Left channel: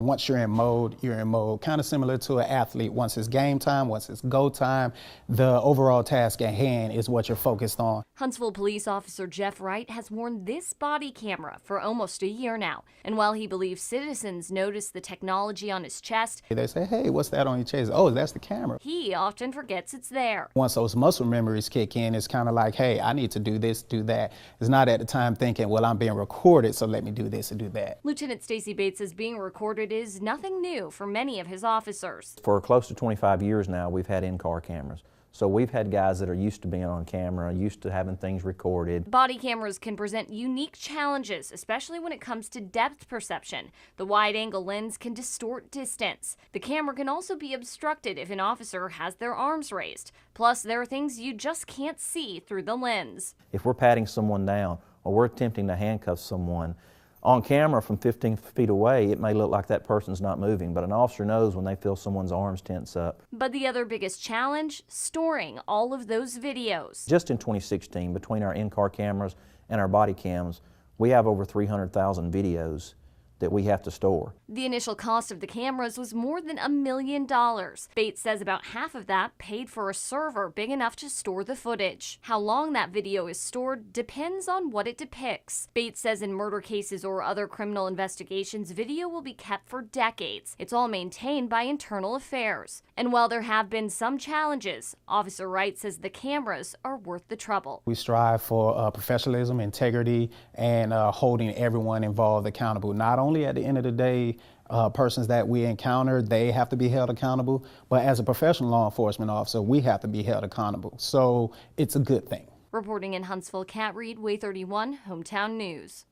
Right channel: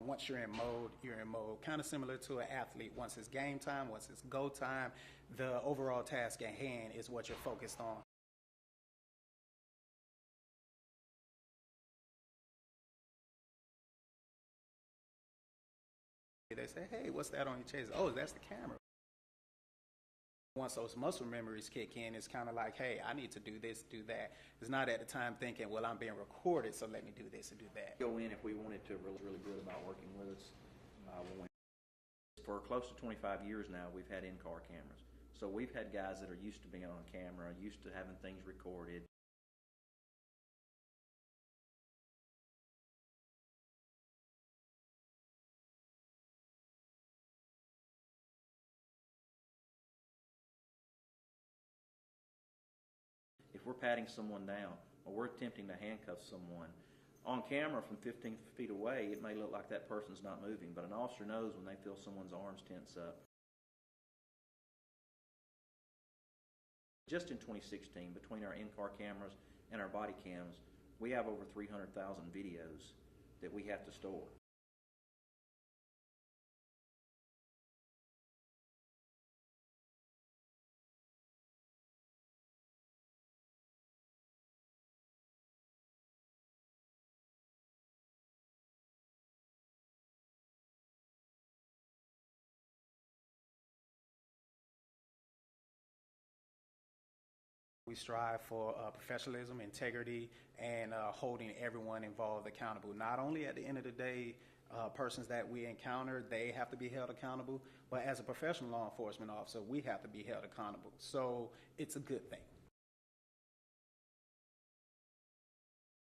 Once you're in mode, kind of similar to an athlete. Once it's game time, once it's go time, the overall task at hand is what you're focused on. Huntsville police officer Cat Reid has worn this body camera for almost a year now. And while he believes citizens notice the technology on his chest, They say, hey, what's that on your chest? Oh, that's the camera. he often forgets it's there. Once those muscle memories kick in, it's kind of like, hey, I need to do this, do that. It's not at the time thinking, well, I'm being recorded, so let me do this and do that. Lieutenant Stacy Bates says being recorded is nothing new for many of his officers. For close to 25 years now, we've had in-car cameras. So we've had guys that are used to being on camera, used to having things recorded. Body cameras can present unique challenges, especially when it comes to depth perception. The wide-angle lens can distort distance. The camera can also be obstructed if an officer has their arms raised. Plus, there are things you just can't see through the lens. If we're patting someone down or we're attempting to handcuff someone, on camera from 15 feet away, it may look like that person's not moving, but an officer knows when they feel someone's arms tense up. But the other biggest challenge, storing all of those videos. Just in 2016, between our in-car cameras and our body cams, we have over 300,000 videos that we have to store. The initial cost of the cameras was more than $1 million. Bates says about half of that paid for a server big enough to store the footage. How long that video is stored depends on what it depicts. Bates says in murder cases or other criminal investigations, video will be kept for decades. It's all maintained by internal affairs. And while there have been some challenges, Officer Wright says the cameras are worth the trouble. We strive for professionalism, integrity, and holding everyone involved accountable. Not only at the end of the day, persons that we encounter, they have to be held accountable, but as a professional law enforcement officer, we have to be held accountable. So it's a good thing. Reporting in Huntsville, Cat Reid, WAAY 31, Hometown News.